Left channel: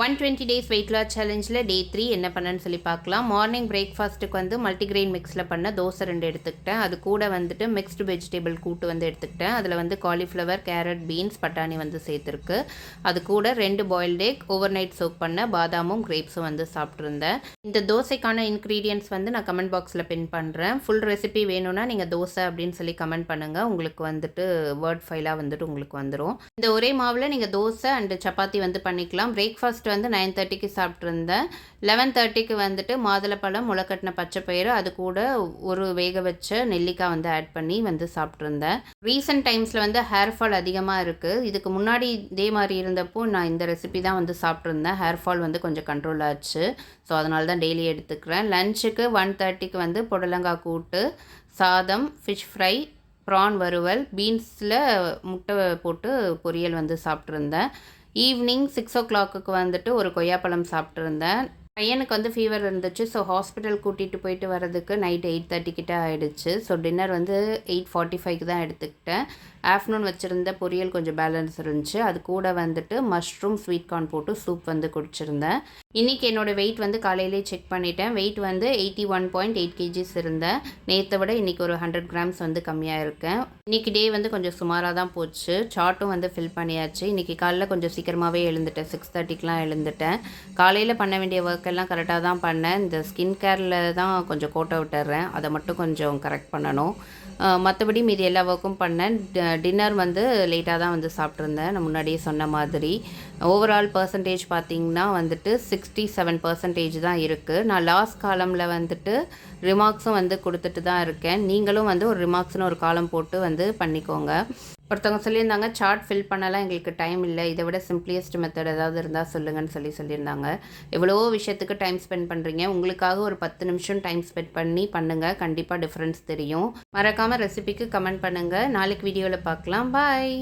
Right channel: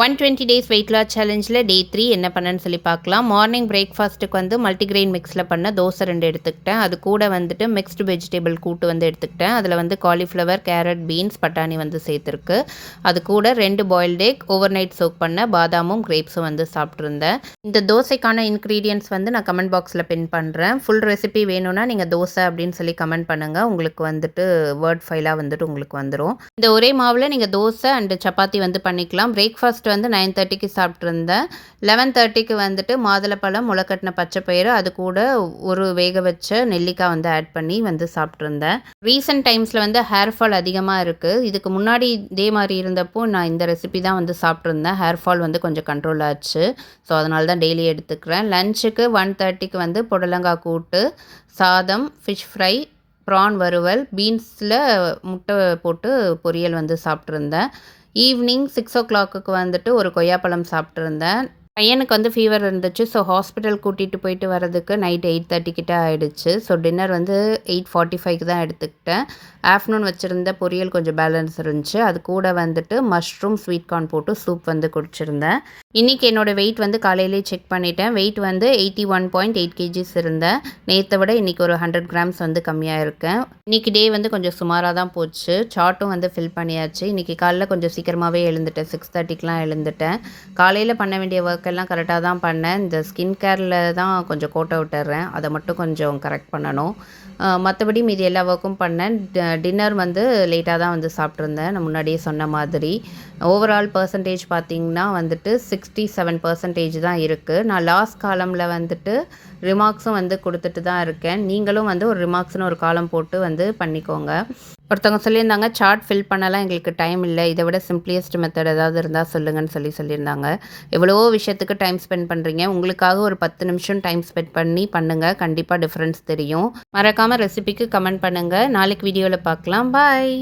120 days weight loss சேலஞ்சில் டே 3 என்ன பண்ணேன்னு சொல்லி பார்க்கலாம். மார்னிங் பிரேக்ஃபாஸ்ட்டுக்கு வந்து மல்டிகிரெயின் மிக்ஸில் பண்ண தோசை 2 எடுத்துக்கிட்டேன். அது கூட வந்துட்டு மிக்ஸ்டு வெஜிடபிள் கூட்டு வந்து எடுத்துக்கிட்டேன். அதில் வந்து காலிஃப்ளவர், கேரட், பீன்ஸ், பட்டாணி வந்து சேர்த்துருக்கு. அது கூட 2 boiled egg, over night soak பண்ண பாதாமும் கிரேப்ஸும் வந்து சாப்பிட்ருந்தேன். இந்த தோசைக்கான இன்க்ரீடியன்ட்ஸ் வந்து நான் கமெண்ட் பாக்ஸில் பின் பண்ணுறேன். ஃபுல் ரெசிபி வேணும்னா நீங்கள் தோசை அப்படின்னு சொல்லி கமெண்ட் பண்ணுங்கள். உங்களுக்கு வந்துட்டு வேர்ட் ஃபைலாக வந்துட்டு உங்களுக்கு வந்துடும். இந்த ஒரே மாவில் நீங்கள் தோசை அண்டு சப்பாத்தி வந்து பண்ணிக்கலாம். பிரேக்ஃபாஸ்ட் வந்து 9:30க்கு சாப்பிட்ருந்தேன். 11:30க்கு வந்துட்டு மாதுளப்பழம், முளைக்கட்டின பச்சைப்பயிறு, அது கூட ஒரு வேக வச்ச நெல்லிக்காய் வந்து ஆட் பண்ணி வந்து சாப்பிட்ருந்தேன். ரீசெண்ட் டைம்ஸில் வந்து ஹேர் ஃபால் அதிகமாக இருக்குது. இதுக்கு முன்னாடி இதே மாதிரி இருந்தப்போ நான் இந்த ரெசிபி தான் வந்து சாப்பிட்ருந்தேன். ஹேர் ஃபால் வந்து கொஞ்சம் கண்ட்ரோல் ஆச்சு. ஸோ அதனால தான் டெய்லி எடுத்துக்கிறேன். லஞ்சுக்கு 1:30க்கு வந்து புடலங்காய் கூட்டு, சாதம், ஃபிஷ் ஃப்ரை, ப்ரான் வறுவல், பீன்ஸில் முட்டை போட்டு பொரியல் வந்து சாப்பிட்ருந்தேன். ஈவினிங் 6 o'clock வந்துட்டு ஒரு கொய்யாப்பழம் சாப்பிட்ருந்தேன். பையனுக்கு வந்து ஃபீவர் இருந்துச்சு. ஸோ ஹாஸ்பிட்டல் கூட்டிகிட்டு போயிட்டு வரதுக்கு நைட் 8:30 கிட்ட ஆகிடுச்சு. ஸோ டின்னர் வந்து 8:45க்கு தான் எடுத்துக்கிட்டேன். ஆஃப்டர்நூன் வச்சுருந்த பொரியல் கொஞ்சம் பேலன்ஸ் இருந்துச்சு. அது கூட வந்துட்டு மஷ்ரூம் ஸ்வீட் கார்ன் போட்டு சூப் வந்து குடிச்சிருந்தேன். இன்றைக்கி என்னோடய வெயிட் வந்து காலையிலே செக் பண்ணிட்டேன். வெயிட் வந்து 81.8 kgs இருந்தேன். நேற்றை விட இன்றைக்கி ஒரு 100 grams வந்து கம்மியாக இருக்கேன். இன்றைக்கி டே வந்து கொஞ்சம் சுமாராக தான் போச்சு. சார்ட்டும் வந்து ஃபில் பண்ணியாச்சு. இன்றைக்கி காலையில் கொஞ்சம் சீக்கிரமாகவே எழுந்துட்டேன். 6:30க்குலாம் எழுந்துட்டேன். காலையில் பண்ண வேண்டிய ஒர்க் எல்லாம் கரெக்டாக தான் பண்ணேன். இந்த ஸ்கின் கேரில் தான் கொஞ்சம் கோட்டை விட்டுறேன். அதை மட்டும் கொஞ்சம் கரெக்ட் பண்ணணும். மற்றபடி மீதி எல்லா ஒர்க்கும் பண்ணேன். டின்னர் வந்து லேட்டாக தான் வந்து சாப்பிட்ருந்தேன். நான் முன்னாடியே சொன்ன மாதிரி. ஓவரால் பர்சன்டேஜ் பார்த்திங்கன்னா வந்துட்டு 67% தான் இருக்குது. நான் லாஸ்ட் காலமில் வந்துட்டு ரிமார்க்ஸும் வந்து கொடுத்துட்டு தான் இருக்கேன். நீங்களும் வந்து ஒரு ரிமார்க்ஸ்னு ஒரு காலம் போட்டு வந்து பண்ணிக்கோங்க. ஒருத்தவங்க சொல்லியிருந்தாங்க, சார்ட் ஃபில் பண்ணலாம் எங்களுக்கு டைம் இல்லை, இதை விட சிம்பிளியஸ்ட் மெத்தட் ஏதாவது இருந்தால் சொல்லுங்கன்னு சொல்லியிருந்தாங்க. எவ்வளவோ விஷயத்துக்கு டைம் ஸ்பெண்ட் பண்ணுறீங்க. உங்களுக்காக ஒரு 10 நிமிஷம் டைம் ஸ்பெண்ட் பண்ணி பண்ணுங்கள். கண்டிப்பாக டிஃப்ரென்ஸ் தெரியும். மறக்காமல் ரெசிபிக்கு கமெண்ட் பண்ணுங்கள். நாளைக்கு வீடியோவில் பார்க்கலாம். பாய்.